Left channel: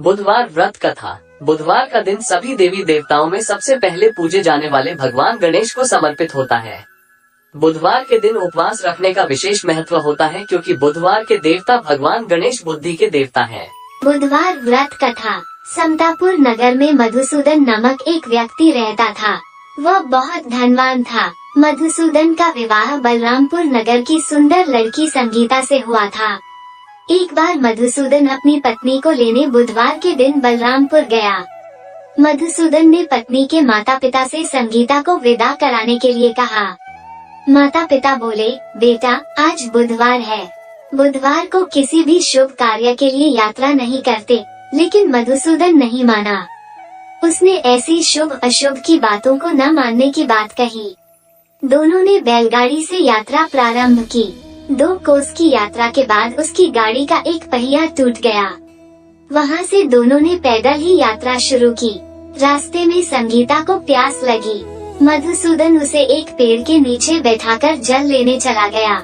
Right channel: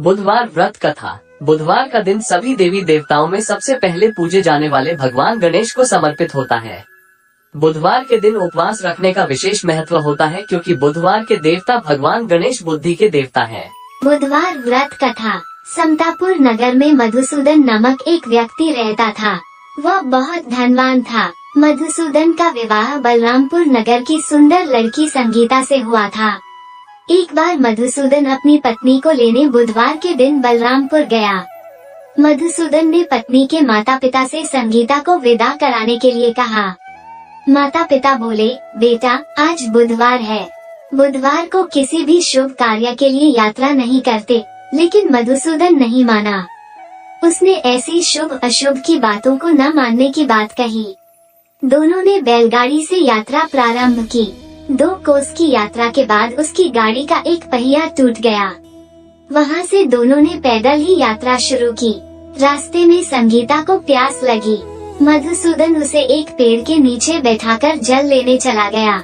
बुधवार व्रत कथा। बुधवार का दिन सभी देवी देवताओं में सबसे पहले पूजे जाने वाले भगवान गणेश को समर्पित होता है। बुधवार के दिन उपवास रखने का विशेष महत्व होता है क्योंकि बुधवार के देवता भगवान गणेश बुद्धि के देवता हैं। बुधवार व्रत कथा। समतापुर नगर में मधुसूदन नामक एक व्यक्ति रहता था। वह बहुत धनवान था। मधुसूदन का विवाह बलरामपुर नगर की सुंदर लड़की संगीता से हुआ था। एक बार मधुसूदन अपनी पत्नी को लेने बुधवार के दिन बलरामपुर गया। मधुसूदन ने पत्नी के माता पिता से संगीता को विदा कराने के लिए कहा। माता पिता बोले, बेटा आज बुधवार है, बुधवार को किसी भी शुभ कार्य के लिए यात्रा नहीं करते। लेकिन मधुसूदन नहीं माना। उसने ऐसी शुभ अशुभ की बातों को न मानने की बात कही। दोनों ने बैलगाड़ी से यात्रा प्रारंभ की। 2 कोस की यात्रा के बाद उसकी गाड़ी का एक पहिया टूट गया। वहाँ से दोनों ने पैदल ही यात्रा शुरू की। रास्ते में संगीता को प्यास लगी। मधुसूदन उसे एक पेड़ के नीचे बैठाकर जल लेने चला गया।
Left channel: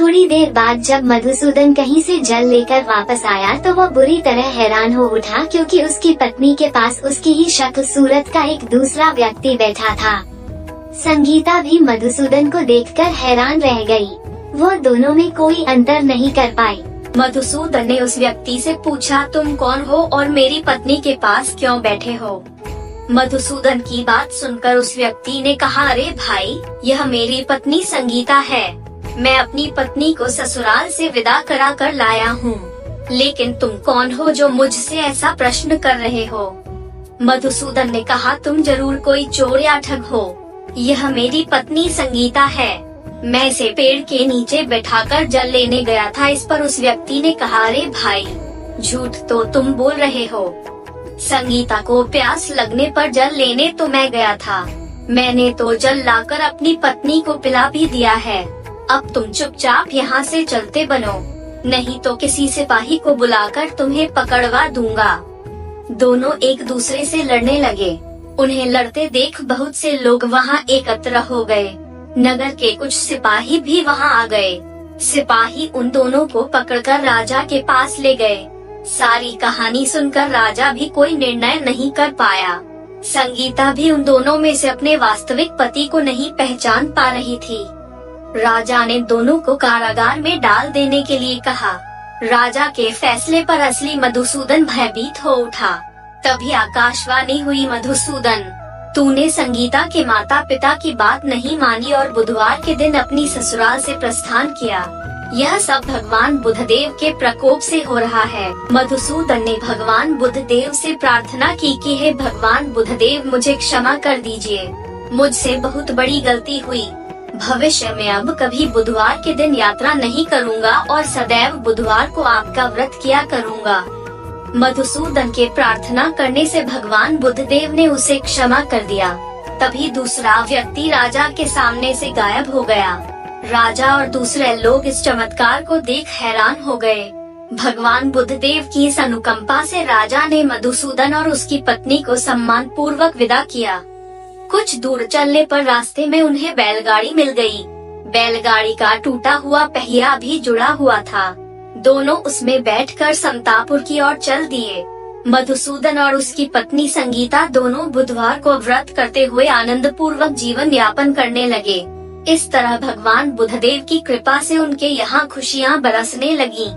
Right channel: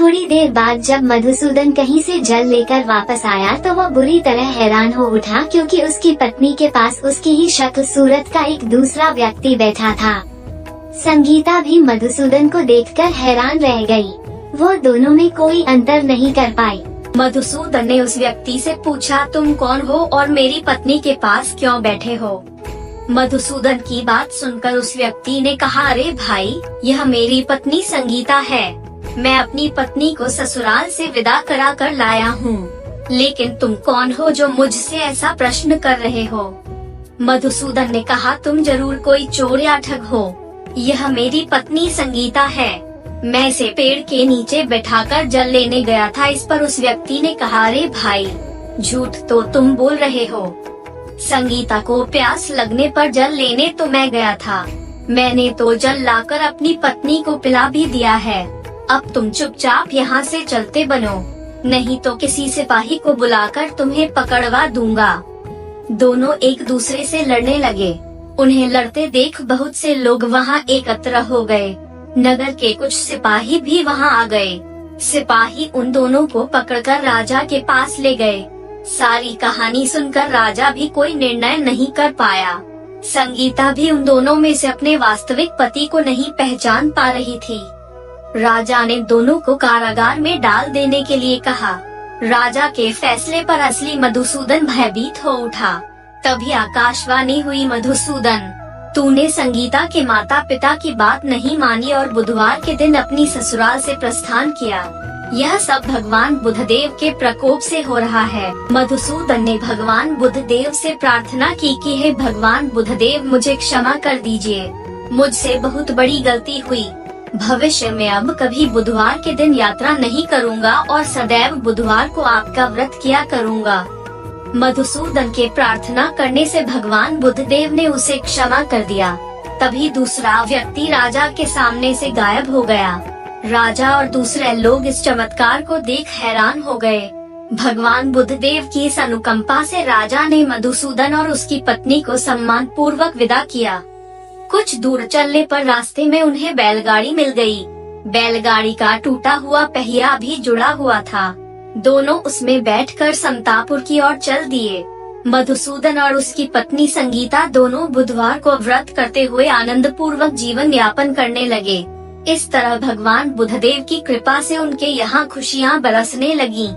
थोड़ी देर बाद जब मधुसूदन कहीं से जल लेकर वापस आया तो वह बुरी तरह हैरान हो उठा क्योंकि उसकी पत्नी के पास उसकी ही शक्ल सूरत का एक दूसरा व्यक्ति बैठा था। संगीता भी मधुसूदन को देखकर हैरान रह गई। वो दोनों में कोई अंतर नहीं कर पाई। मधुसूदन ने उस व्यक्ति से पूछा, तुम कौन हो और मेरी पत्नी के पास क्यों बैठे हो? मधुसूदन की बात सुनकर उस व्यक्ति ने कहा, अरे भाई, यह मेरी पत्नी संगीता है। मैं अपनी पत्नी को ससुराल से विदा करा कर लाया हूँ। लेकिन तुम कौन हो जो मुझसे ऐसा प्रश्न कर रहे हो? मधुसूदन ने कहा, तुम जरूर कोई चोर या ठग हो। यह मेरी पत्नी संगीता है। मैं इसे पेड़ के नीचे बैठाकर जल लेने गया था। इस पर उस व्यक्ति ने कहा, अरे भाई, झूठ तो तुम बोल रहे हो। संगीता को प्यास लगने पर जल लेने तो मैं गया था। मैंने तो जल लाकर अपनी पत्नी को पिला भी दिया है। अब तुम चुपचाप यहाँ से चलते बनो, नहीं तो किसी सिपाही को बुलाकर तुम्हें पकड़वा दूंगा। दोनों एक दूसरे से लड़ने लगे। उन्हें लड़ते देख बहुत से लोग वहाँ एकत्र हो गए। नगर के कुछ सिपाही भी वहाँ आ गए। सिपाही उन दोनों को पकड़कर राजा के पास ले गए। सारी कहानी सुनकर राजा भी कोई निर्णय नहीं कर पाया। संगीता भी उन दोनों में से अपने वास्तविक पति को नहीं पहचान पा रही थी। राजा ने दोनों को कारागार में डाल देने के लिए कहा। राजा के फैसले पर असली मधुसूदन भयभीत हो उठा। तभी आकाशवाणी हुई, मधुसूदन, तूने संगीता के माता पिता की बात नहीं मानी और बुधवार के दिन अपनी ससुराल से प्रस्थान किया। यह सब भगवान बुधदेव के प्रकोप से हो रहा है। मधुसूदन ने भगवान बुधदेव से प्रार्थना की कि हे भगवान बुधदेव, मुझे क्षमा कर दीजिए। मुझसे बहुत बड़ी गलती हुई। भविष्य में अब कभी बुधवार के दिन यात्रा नहीं करूँगा और सदैव बुधवार को आपका व्रत किया करूँगा। मधुसूदन के प्रार्थना करने से भगवान बुधदेव ने उसे क्षमा कर दिया। तभी दूसरा व्यक्ति राजा के सामने से गायब हो गया। राजा और दूसरे लोग इस चमत्कार को देख हैरान हो गए। भगवान बुधदेव की इस अनुकंपा से राजा ने मधुसूदन और उसकी पत्नी को सम्मान पूर्वक विदा किया। कुछ दूर चलने पर रास्ते में उन्हें बैलगाड़ी मिल गई। बैलगाड़ी का टूटा हुआ पहिया भी जुड़ा हुआ था। दोनों उसमें बैठकर समतापुर की ओर चल दिए। मधुसूदन और उसकी पत्नी संगीता दोनों बुधवार को व्रत करते हुए आनंद पूर्वक जीवन यापन करने लगे। इस तरह भगवान बुधदेव की कृपा से उनके यहाँ खुशियाँ बरसने लगी।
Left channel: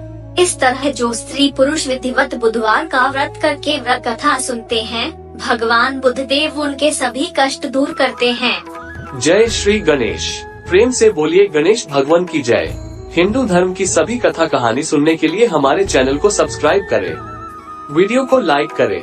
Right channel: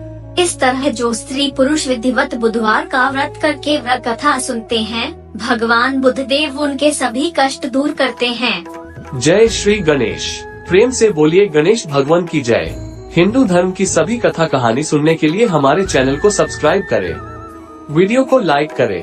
इस तरह जो स्त्री पुरुष विधिवत बुधवार का व्रत करके व्रत कथा सुनते हैं, भगवान बुधदेव उनके सभी कष्ट दूर करते हैं। जय श्री गणेश। प्रेम से बोलिए गणेश भगवान की जय। हिंदू धर्म की सभी कथा कहानी सुनने के लिए हमारे चैनल को सब्सक्राइब करें। वीडियो को लाइक करें।